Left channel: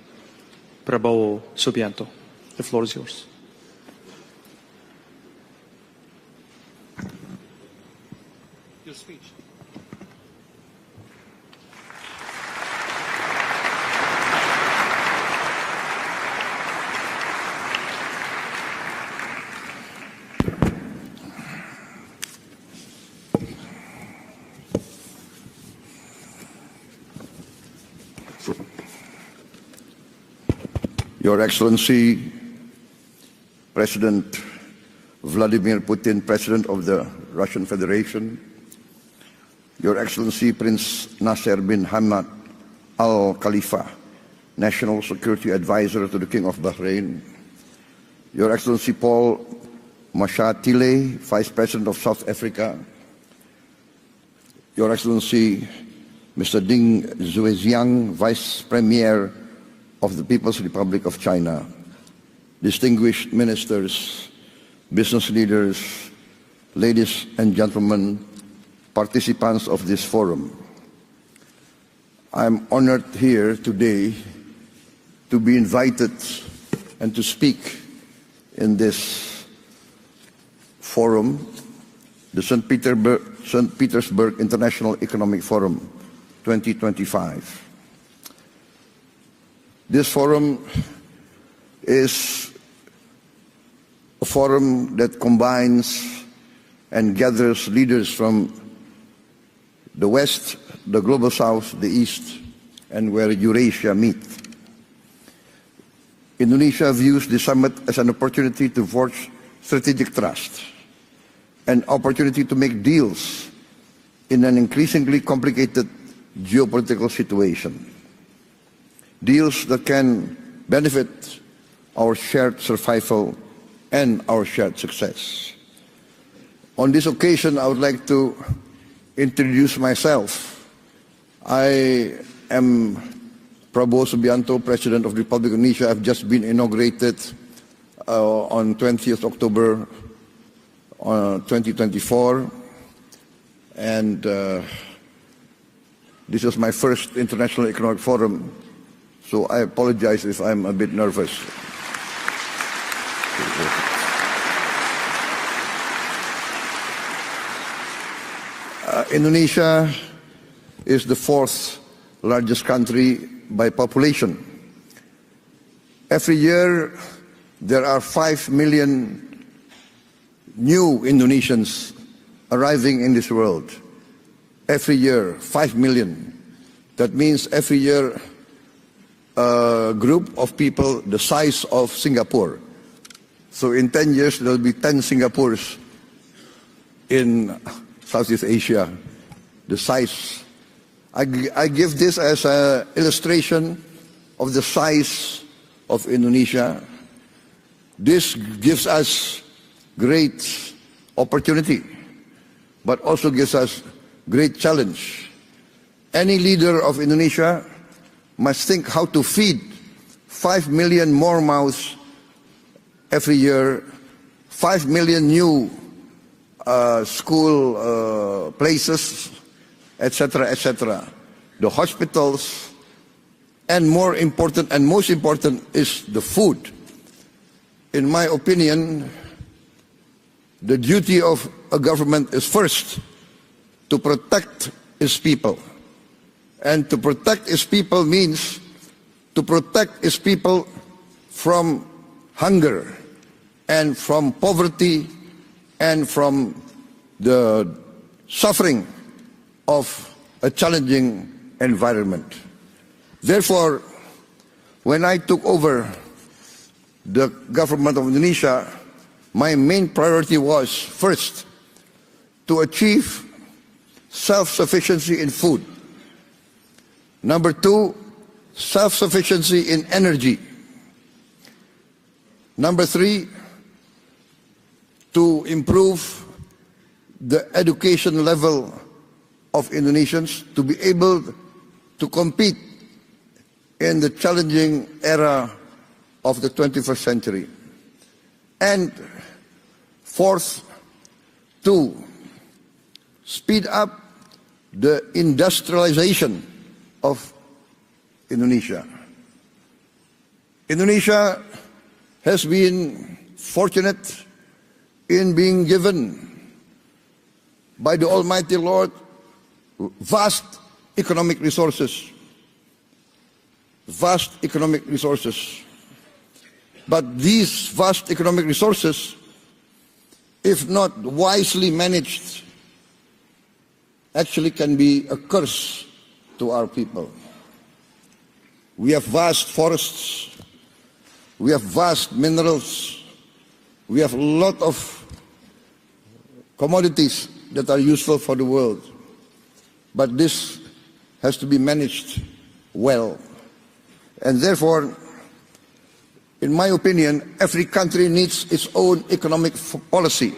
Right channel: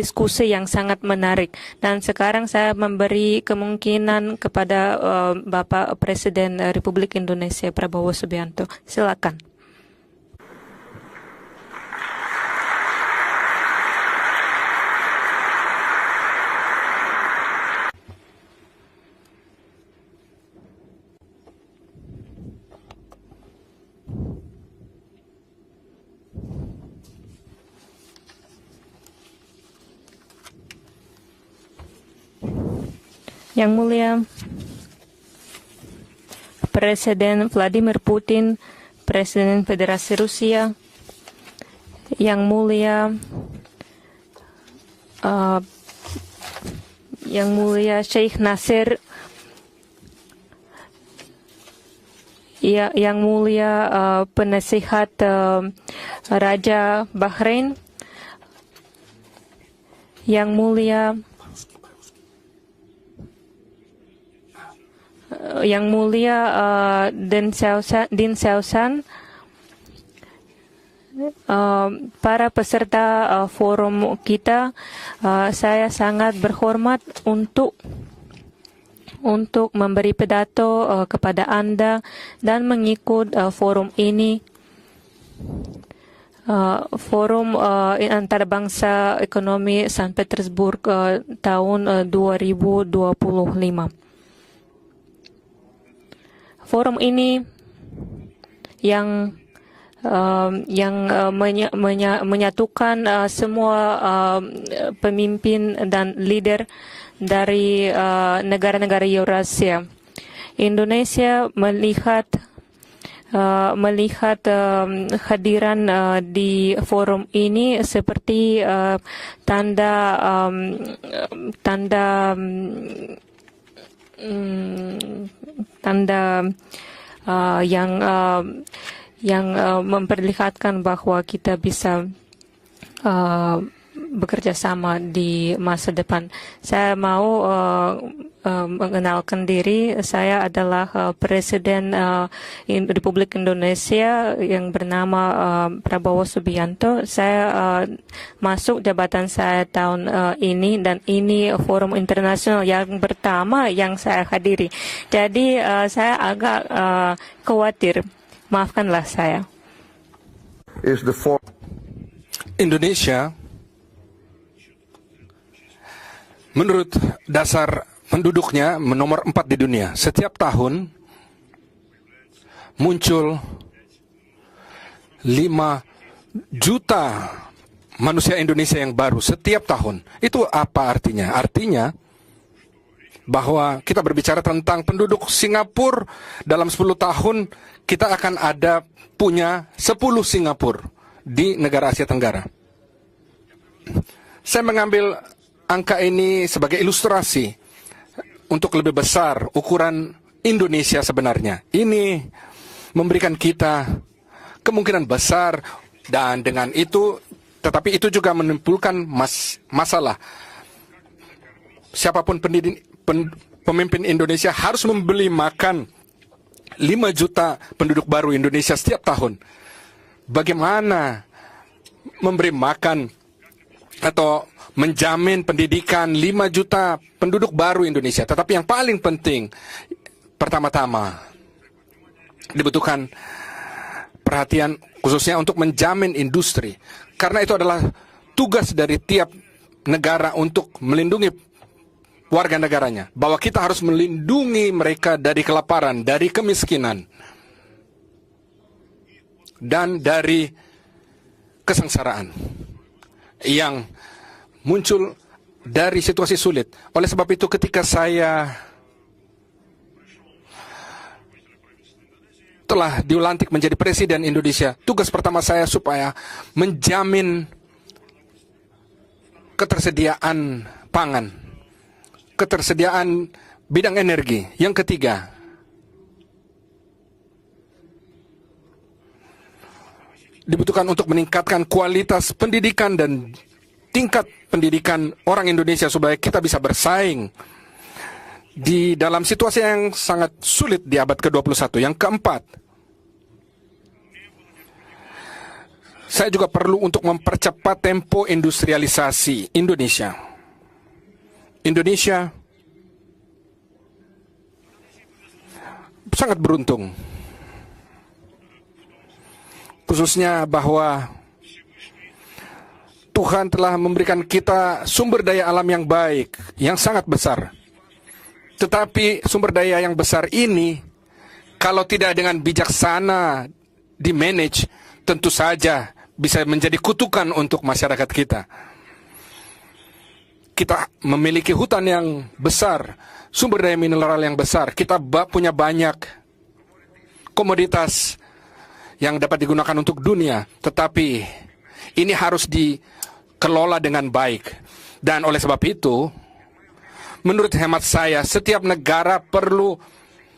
diskusi yang sangat menarik. Dan sekarang saya memberi kemungkinan kepada Bapak Presiden Republik Indonesia Prabowo Subianto. Silakan. Your Excellency, Yang Mulia President Vladimir Putin, President of Presiden the Russian Vladimir Federation, Putin, Presiden Your Federasi Excellency Rusia, Prince Nasser bin Hamad Yang Mulia Al Khalifa, National Security Advisor to the King of Bahrain, Yang Mulia Sheikh Your Excellency Nasser, Paul Mashatile, Vice President of South Africa, Yang Mulia Your Penasihat Excellency Raja Mr. Ding Bahrain, Zhejiang, Vice Premier of the Yang People's Republic Mulia of China, distinguished ministers, business leaders, Yang Mulia ladies and gentlemen, Din Xiaoshan, participants of this forum. para I'm peserta honored here forum today kita, be saya invited sangat berhormat and to speak in this untuk memberi pidato forum, kepada Anda the dan St. mengikut St. forum Petersburg ini, International Economic Forum 2025. forum antarabangsa ekonomi This St. Petersburg tahun is 2025. A forum that combines Forum and ini gathers leaders from yang the West, yang the Global South, the East, menyatukan and where Eurasia semua pemimpin dan leader Indonesia views the summit dari as an opportunity to negara-negara forge Eurasia. strategic trust, Indonesia an melihat opportunity to make deals melihat in an increasingly kehadiran complicated di geopolitical forum ini situation. seperti Deals tanda that can benefit tanda our shared survival and our shared success. tanda On this occasion, I would yang like to introduce myself. memperlihatkan bahwa kita bisa I am Prabowo Subianto, bekerja sama President of the di Republic of masa Indonesia. I've depan. just been Saya inaugurated mau on 20th mengenalkan October diri. Saya adalah Presiden 2024. Republik Indonesia And, yang bernama Prabowo This is my Subianto. first International Saya Economic Forum. masuk jabatan So saya I tahun apologize if I'm ini a bit dan nervous. ini forum internasional yang pertama yang saya hadiri. Jadi saya agak khawatir. Maafkanlah saya. Indonesia is the fourth largest Indonesia, country by population. Every year, menurut dasar there are 5 penduduknya million nomor 4 di dunia. Setiap tahun new Indonesians arriving in muncul this world. Every year, 5 million. juta That means every year manusia Indonesia yang baru setiap a tahun. group Itu of people apa the artinya? size Artinya of Singapore. bahwa So in kita 10 years berbicara there will be tentang 10 penduduk Singapores Singapura dalam 10 tahun kita akan Southeast ada Asia. punya The size. 10 Singapura di I negara give Asia this Tenggara. as an illustration of the Saya mengambil size angka of ini Indonesia. sebagai ilustrasi This untuk gives lebih us besar ukuran great Indonesia sebenarnya. opportunity, Ini but memberikan also gives kita us great challenge. kemungkinan besar. Dan Any dengan leader of itu, Indonesia tetapi itu juga must think menimbulkan how to feed masalah. 5 million more mouths Siapapun every year, pemimpin Indonesia 5 harus membeli million new, makan 5 juta school, penduduk baru Indonesia places, setiap tahun. etc. Bagaimana The hospitals memberi makan and more atau important and most menjamin important is pendidikan the 5 food. juta penduduk baru Indonesia. my Tetapi yang opinion, paling penting, The pertama-tama duty of a government is first dibutuhkan to protect perhatian its khususnya people. untuk menjamin industri. And to protect Karena itu its adalah people means tugas dari tiap to protect its negara people untuk melindungi from warga hunger negaranya. Bahwa kita harus and from melindungi poverty mereka dari kelaparan, and dari from kemiskinan, the suffering dan of dari a challenging kesengsaraan environment. yang Therefore, muncul when I took over dari situasi sulit. Oleh sebab the itu ketika government of Indonesia, saya my main priority was first to telah achieve dilantik menjadi presiden Indonesia, tugas self-sufficiency in pertama food. saya supaya menjamin Number 2, self-sufficiency in energy. ketersediaan pangan, ketersediaan Number 3, bidang energi. Yang ketiga, to improve the education level of Indonesians to be dibutuhkan untuk able meningkatkan kualitas to compete pendidikan dan in the tingkat challenging pendidikan era orang Indonesia supaya kita of the bisa 21st bersaing century. di dalam situasi yang sangat fourth, sulit di abad ke-21. to Yang keempat, Speed up the saya industrialization. juga perlu untuk mempercepat tempo industrialisasi Indonesia. Indonesia has been fortunate in being given Sangat beruntung, by the Almighty Lord khususnya vast bahwa economic resources. Tuhan telah memberikan Vast kita economic sumber resources. daya alam yang baik, yang sangat But besar. these vast economic resources, Tetapi sumber daya yang besar if ini, not wisely kalau managed, tidak dengan bijaksana di-manage, can be a tentu curse saja bisa to our menjadi people. kutukan untuk masyarakat kita. we have vast forests, Kita memiliki We have hutan vast yang minerals. besar, sumber daya mineral have a yang lot besar. of Kita punya banyak commodities that Komoditas. are useful for the world, yang dapat digunakan untuk But dunia. this Tetapi has to be managed ini harus well. dikelola dengan And baik. therefore, Dan oleh sebab itu, in my opinion, Menurut every hemat country saya, needs setiap its own negara economic perlu policy.